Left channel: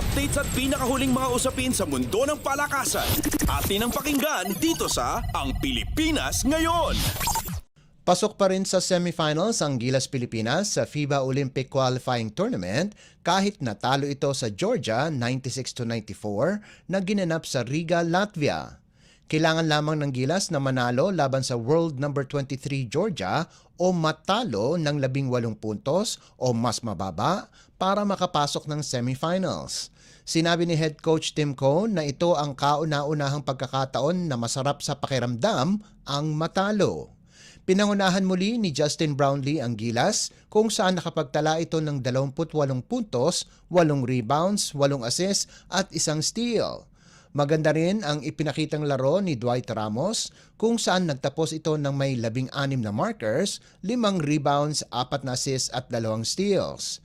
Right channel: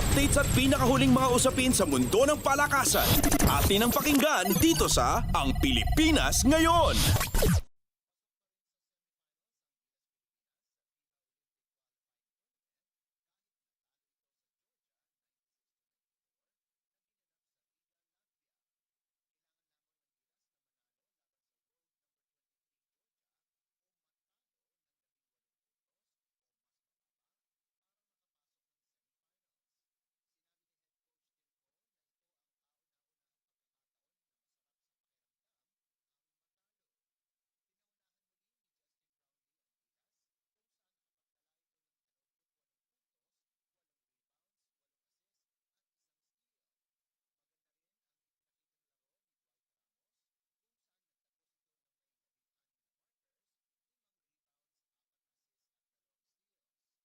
Updates at pinakahuling mga usapin sa mundo ng palakasan. Atin ang pakinggan dito sa Ang Pilipinas Ngayon. Pasok pa rin sa semifinals ang Gilas Pilipinas sa FIBA Olympic Qualifying Tournament kahit natalo ito sa Georgia 96-94 na ginanap sa Riga, Latvia. Kailangan lamang ng Gilas na manalo laban sa world number 23 Georgia o matalo ng 18 puntos o mas mababa para makapasok ng semifinals. Sinabi ni head coach Tim Cone na ito ang kauna-unahang pagkakataon na masarap sa pakiramdam ang matalo. Pinangunahan muli ni Justin Brownlee ang Gilas kung saan nakapagtala ito ng 28 puntos, 8 rebounds, 8 assists at 1 steal. Maganda rin ang ipinakitang laro ni Dwight Ramos kung saan nagtapos ito ng may 16 na markers, 5 rebounds, 4 na assists at 2 steals.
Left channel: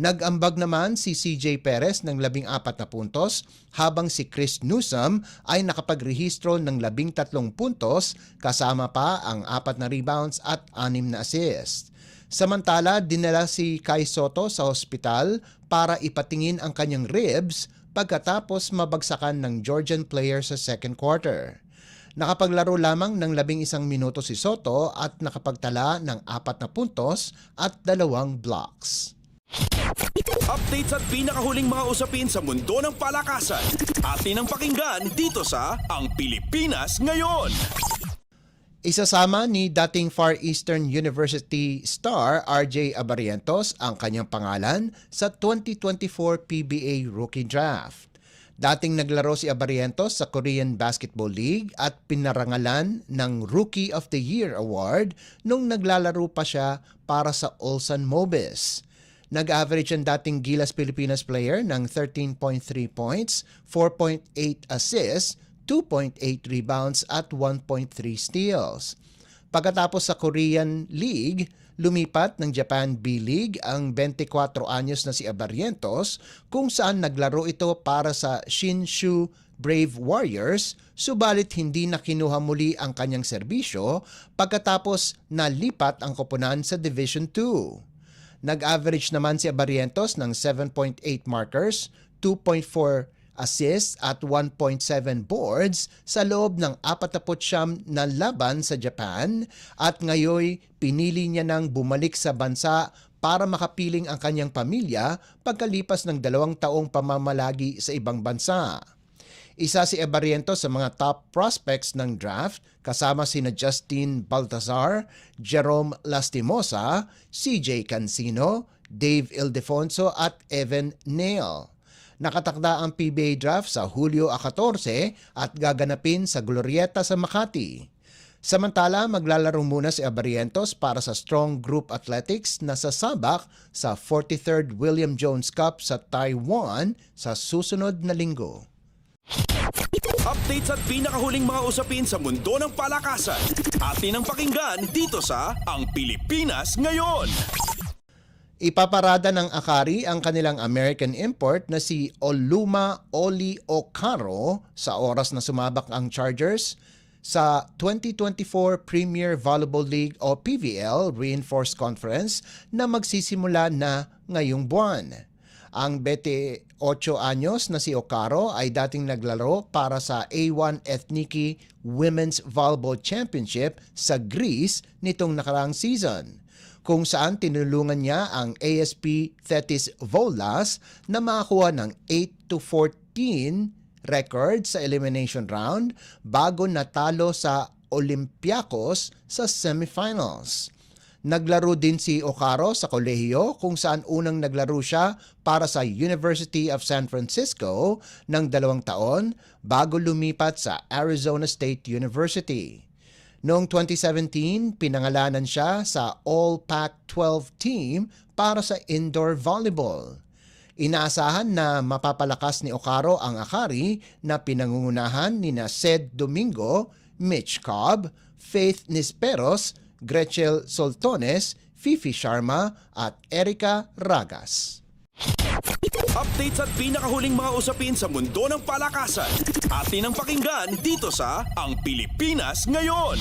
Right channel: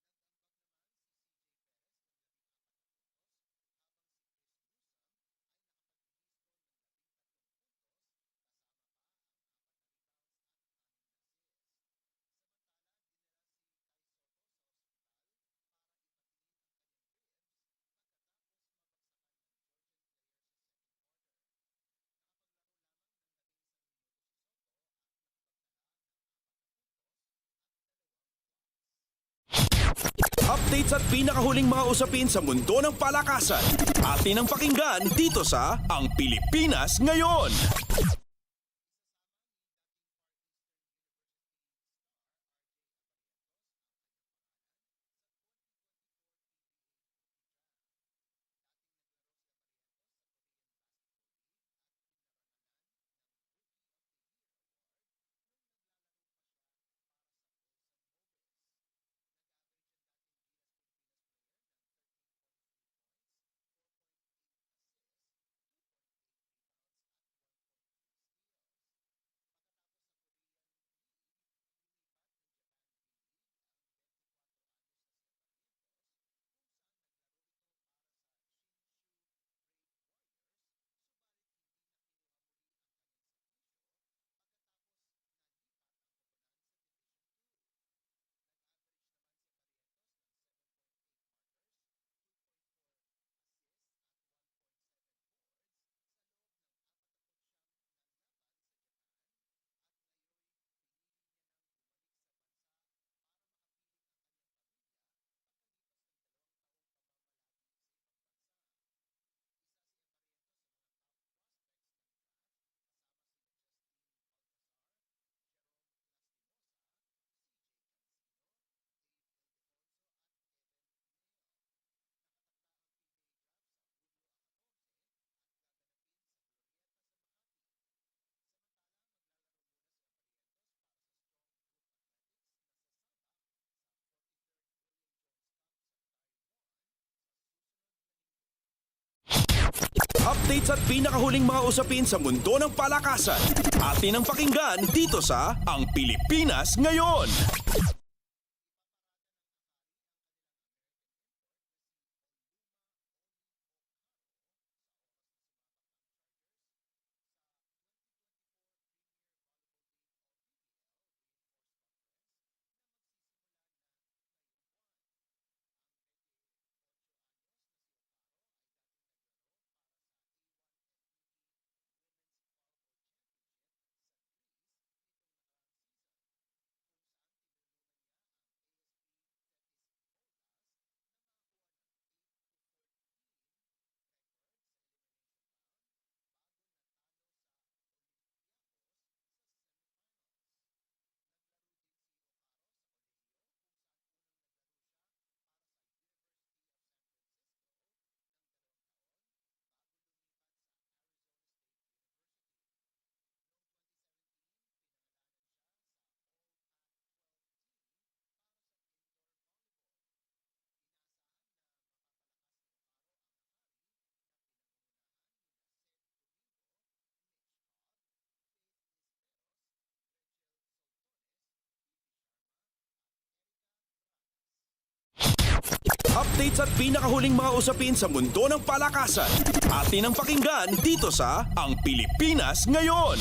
Nag-ambag naman si CJ Perez ng 14 na puntos habang si Chris Newsome ay nakapagrehistro ng 13 puntos kasama pa ang 4 na rebounds at 6 na assist. Samantala, dinala si Kai Soto sa ospital para ipatingin ang kanyang ribs pagkatapos mabagsakan ng Georgian player sa second quarter. Nakapaglaro lamang ng 11 minuto si Soto at nakapagtala ng 4 na puntos at 2 blocks. Updates at pinakahuling mga usapin sa mundo ng palakasan. Atin ang pakinggan dito sa Ang Pilipinas Ngayon. Isasama ni dating Far Eastern University star RJ Abarientos ang kanyang pangalan sa 2024 PBA Rookie Draft. Dating naglaro si Abarientos sa Korean Basketball League at pinarangalan ng Rookie of the Year Award nung naglalaro pa siya para sa Ulsan Mobis. Nag-average ang dating Gilas Pilipinas player ng 13.3 points, 4.8 assists, 2.8 rebounds at 1.3 steals. Pagkatapos sa Korean League, lumipat ng Japan B-League ang 24 anyos na si Abarientos kung saan naglaro ito para sa Shinshu Brave Warriors, subalit hindi na kinuha muli ang kanyang serbisyo pagkatapos nalipat ang koponan sa Division 2. Nag-average naman si Abarientos ng 7.8 markers, 2.4 assists at 1.7 boards sa loob ng 49 na laban sa Japan at ngayon pinili niya nang bumalik sa bansa para makapiling ang kanyang pamilya pagkalipas ng 2 taong pamamalagi sa ibang bansa. Isa si Abarientos sa mga top prospects ng draft kasama sina Justin Baltazar, Jerome Lastimosa, CJ Cancino, Dave Ildefonso at Evan Neal. Nakatakda ang PBA draft sa Hulyo 14 at gaganapin sa Glorieta sa Makati. Samantala, maglalaro muna si Abarientos para sa Strong Group Athletics na sasabak sa 43rd William Jones Cup sa Taiwan sa susunod na linggo. Updates at pinakahuling mga usapin sa mundo ng palakasan. Atin ang pakinggan dito sa Ang Pilipinas Ngayon. Ipaparada ng Akari ang kanilang American import na si Oluma Oli Okaro sa oras na sumabak ang Chargers sa 2024 Premier Volleyball League o PVL Reinforced Conference na magsisimula na ngayong buwan. Ang 28 anyos na si Okaro ay dating naglaro para sa A1 Ethniki Women's Volleyball Championship sa Greece nitong nakaraang season, kung saan tinulungan niya ang ASP Thetis Volas na makakuha ng 8-14 record sa elimination round bago natalo sa Olympiacos sa semifinals. Naglaro din si Okaro sa kolehiyo kung saan unang naglaro siya para sa University of San Francisco ng 2 taon bago lumipat sa Arizona State University. Noong 2017, pinangalanan siya sa All-Pac-12 team para sa indoor volleyball. Inaasahan na mapapalakas ni Okaro ang Akari na pinangungunahan ni Sed Domingo, Mitch Cobb, Faith Nisperos, Gretchen Soltones, Fifi Sharma at Erica Ragas. Updates at pinakahuling mga usapin sa mundo ng palakasan. Atin ang pakinggan dito sa Ang Pilipinas Ngayon.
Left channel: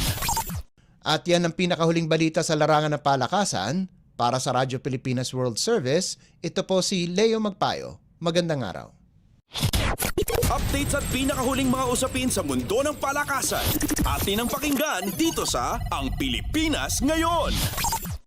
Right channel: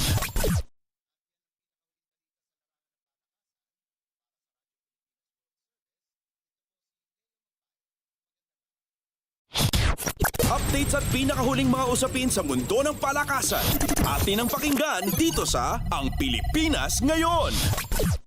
At yan ang pinakahuling balita sa larangan ng palakasan. Para sa Radyo Pilipinas World Service, ito po si Leo Magpayo. Magandang araw. updates at pinakahuling mga usapin sa mundo ng palakasan. Atin ang pakinggan dito sa Ang Pilipinas Ngayon.